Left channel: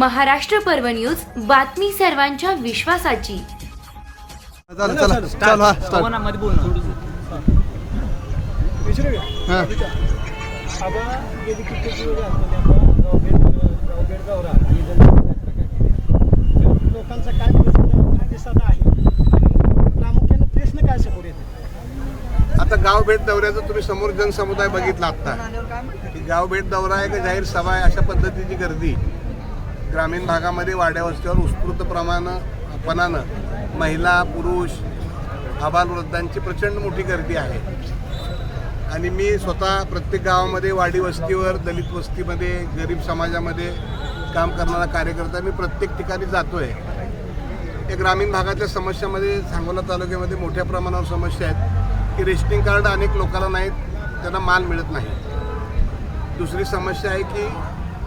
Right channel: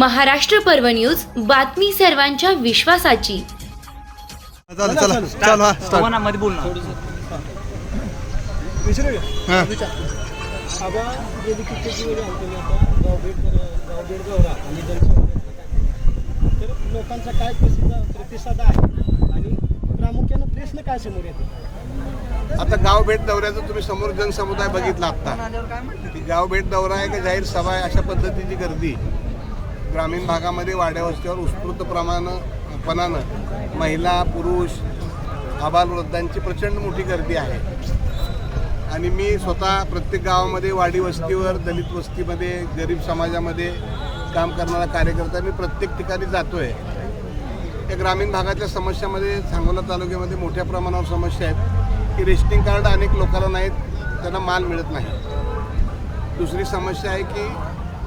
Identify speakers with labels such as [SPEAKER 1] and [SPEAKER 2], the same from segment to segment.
[SPEAKER 1] महाराष्ट्र पर्व न्यूज बातमी सर्वांच्या विश्वासाची
[SPEAKER 2] लोकांचा काय प्रतिसाद प्रामुख्यानं प्रश्न काय समोर येते आता गाव भेट दौऱ्याचं तुम्ही समोर जनसमुदाय बघितला आता की गाव भेट दौरा आहे का जाहीर सभा आहे अशा पद्धतीची गर्दी ग्रामीण भागामध्ये वाड्यावस्तीवर उत्स्फूर्त प्रमाण पणानं महिला पुरुष आबालवृद्धांची प्रचंड मोठी गर्दी आहे आणि मी स्वतः प्रत्येक गावामध्ये वाडी वस्तीवर दलित वस्तीमध्ये गरीब समाजामध्ये काम करणारा कार्यकर्ता मी प्रत्येक ठिकाणी जातो आहे या ग्रामीण भागातल्या समस्यामध्ये सांगोला तालुक्यामध्ये मोठ्या प्रमाणावर समस्या आहेत की रेशनिंग कार्ड अनेक लोकांना नाहीत त्यांना माल मिळत नाही दुसरी समस्या आहे की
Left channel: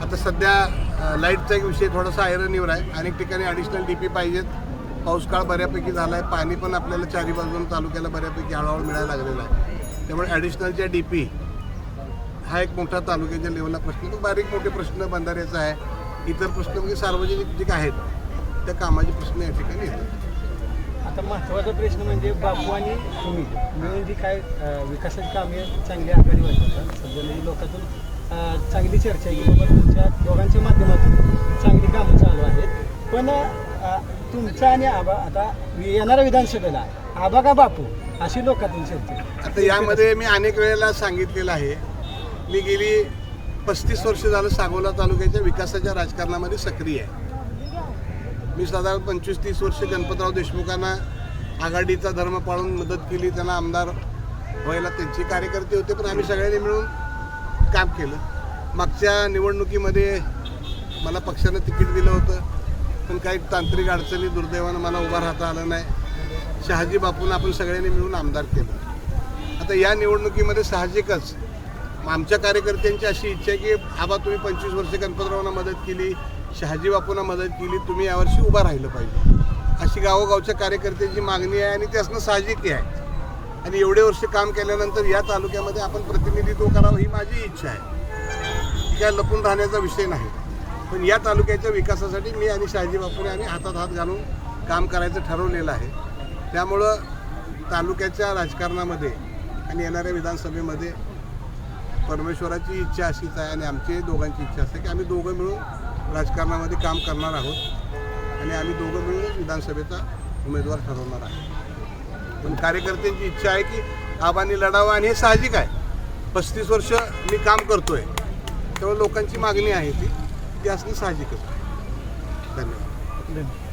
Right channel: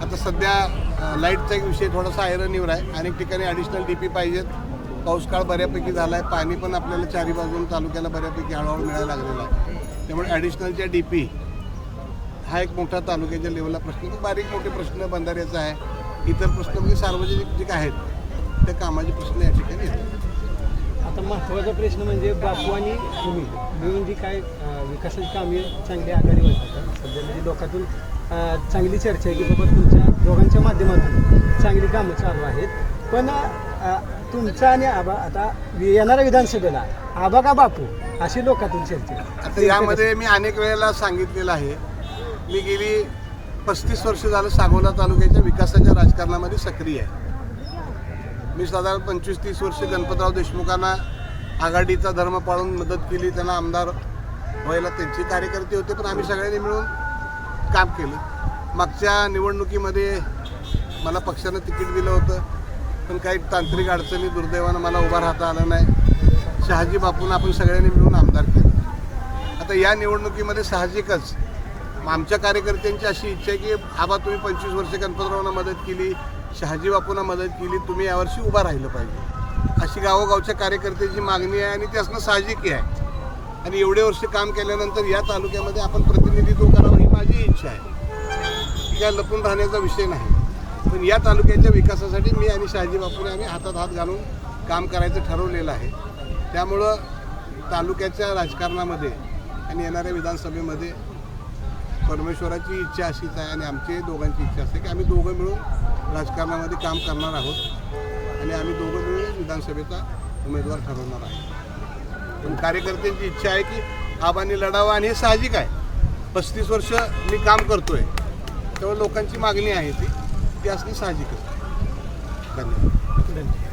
[SPEAKER 2] आता सध्या लाईटचा एक विषय थोडासा येऊर आहे अनेक ठिकाणी ॲडिशनल डी पी पाहिजेत पाऊस काळ बऱ्यापैकी झाला आहे पाणी पण आपल्याला चारी बाजून तालुक्याला बऱ्यापैकी हळूहळू मिळायला लागलेला आहे त्यामुळे ॲडिशनलच्या डी पी हा एक मोठा तालुक्याच्या लेवलला प्रश्न बारीक मोठे प्रश्न बंधाऱ्याचा आहे इतर प्रश्न म्हणजे सार्वजनिक जे आहेत त्या कामाचे प्रश्न या ठिकाणी येतात
[SPEAKER 3] आता महत्वाचा प्रश्न म्हणजे बापू आणि तुम्ही मिळून जी काय विकासाची कामे चांगली आघाडीवर वाटत सध्या म्हणजे लोकातून चांगली चर्चा आहे की बाबा तुमच्या दोघांच्या माध्यमातून चांगली कामं चालू आहेत पण तुमचा आणि आबा आता येणाऱ्या विधानसभेला आबा का बापू अशी लोकातून चर्चा
[SPEAKER 2] आता यामध्ये मी अनेक वेळेला सांगितलेलं आहे मी गेली पस्तीस वर्ष झालं सागोला तालुक्याच्या विकासाच्या राजकारणामध्ये सक्रिय आहे मी साधारण पंचवीस तीस वर्ष गणपतराव देशमुखांना आघाडीचा धर्म पाळून मदत केली त्यांना आमदार व्हायला त्यांचे कार्यकर्ते होते पण आम्ही सगळ्यांनी मिळून काम केलं मागच्या निवडणुकीमध्ये मला पक्षानं तिकीट दिलं होतं पण काही तांत्रिक अडचणी दुर्दैवानं मला उभा राहता आलं नाही शहाजी बापूंना आपण सगळ्यांनी मिळून आमदार केलं आता या निवडणुकीमध्ये साहजिकच आमच्या कार्यकर्त्यांची अशी इच्छा आहे की आबा तुम्ही पंचवीस वर्षे गणपतरावांना मदत केली शहाजी बापूंना मदत केली तुम्ही यावर्षी उभा राहिलं पाहिजे अशी गावोगावच्या कार्यकर्त्याची मागणी आहे आणि असणं साहजिकही आहे आणि एवढे वर्ष काम केल्यानंतर या तालुक्यामध्ये आपण प्रतिनिधित्व करावं ही माझी इच्छा आहे काय लपून राहण्याचा विषय नाही पण या तालुक्याच्या विकासासाठी मी आणि शहाजी बापूने आम्ही हातात हात घालून काम करायचं ठरवलेलं आहे त्यामुळं तालुक्याच्या राजकारणामध्ये आणि येणाऱ्या विधानसभेमध्ये परमेश्वराची इच्छा अशीच आहे आणि आमची दोघांची इच्छा असते की आम्ही दोघं मिळून राजकारणामध्ये काम करणार आहोत आणि आम्ही दोघं मिळून विधानसभेचा उमेदवार ठरवणार आहे पण कार्यकर्त्यांची इच्छा आहे की आबांनी लढावा आणि हे साहजिक आहे पस्तीस वर्ष मी काम करतो आहे तेव्हा लोकांची मागणी आहे ती ती असणं साहजिकच धन्यवाद